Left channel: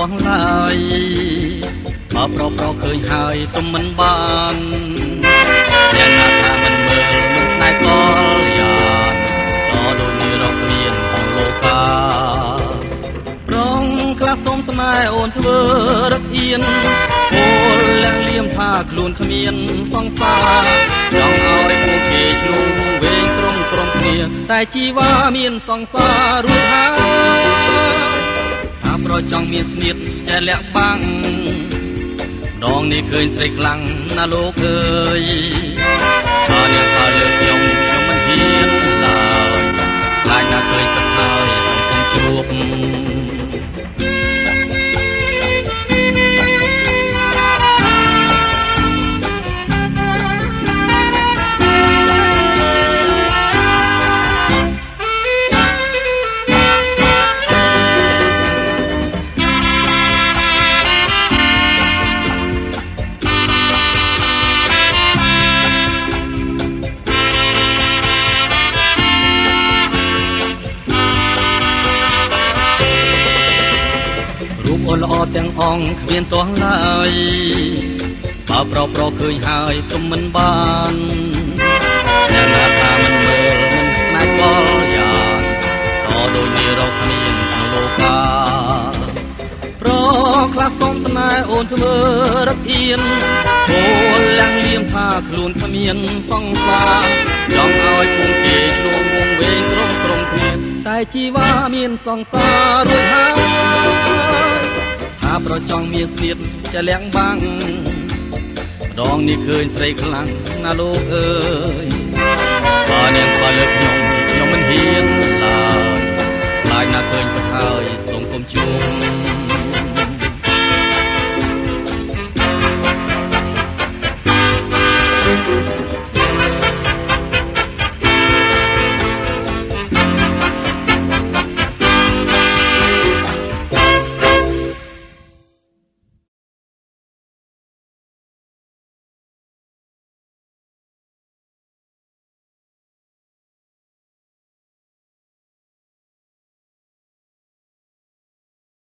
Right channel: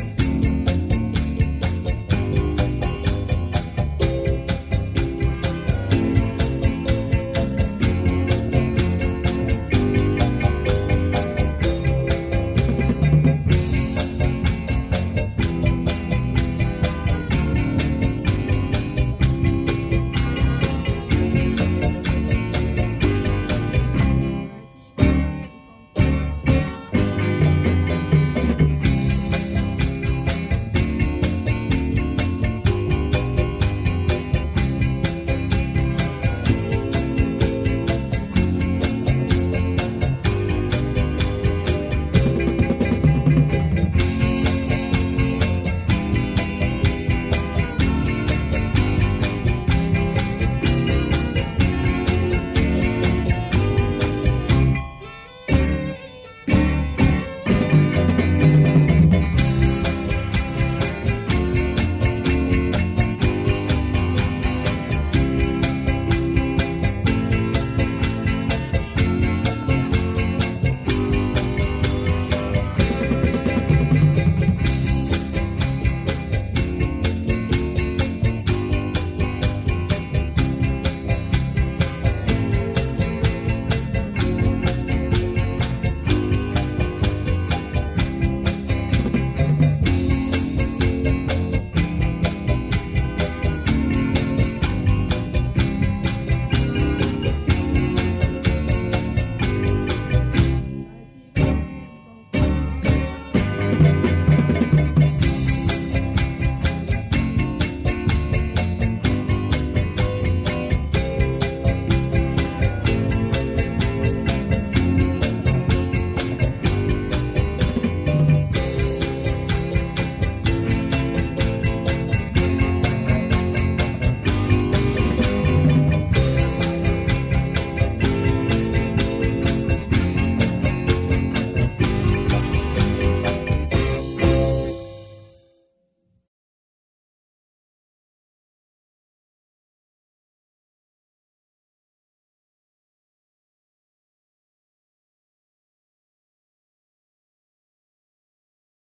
ទាស់ឡើយបើប្រប្រឃើញហើយទុំមិនបានយ៉ាងណាថាមិនមើលមុខស្នេហ៍កលយ៉ាក៏ដូចមានរកមានក្នុងលោកកាប្រងខ្លះសុំស្នេហ៍អូនធ្វើរឹកអៀនពលលាក់លៀមថាខ្លួនគ្មានសង្សារចង់ឲ្យពួកគេឆ្លងវែងក្រុមគ្នាតែជីវ៉ាមានសង្សាររួចហើយប្រចង់មានស្នៀតចេះលាក់បាំងដងនេះឃើញស្រីខ្លាំងណាលោកអើយបើអ្នកថាលើកខ្ញុំមិនហ៊ានឡើយខ្លាចណាឃើញទឹកហើយសង្គមជួបល្អទាំងអង្គគ្មានទាស់ឡើយបើប្រប្រឃើញហើយទុំមិនបានអ្នកណាថាមិនមើលមិនស្នេហ៍កលយ៉ាងក៏ដូចមានរកគ្មានក្នុងលោកាប្រខ្លះសុំស្នេហ៍អូនធ្វើរឹកអៀនពលលាំងលៀមថាខ្លួនគ្មានសង្សារចង់ឲ្យពួកគេឆ្លងវងវែងក្រុមគ្នាតែជីវ៉ាមានសង្សាររួចហើយប្រចង់មានស្នៀតចេះលាក់បាំងម្ដងនេះឃើញស្រីខ្លាំងណាលោកអើយ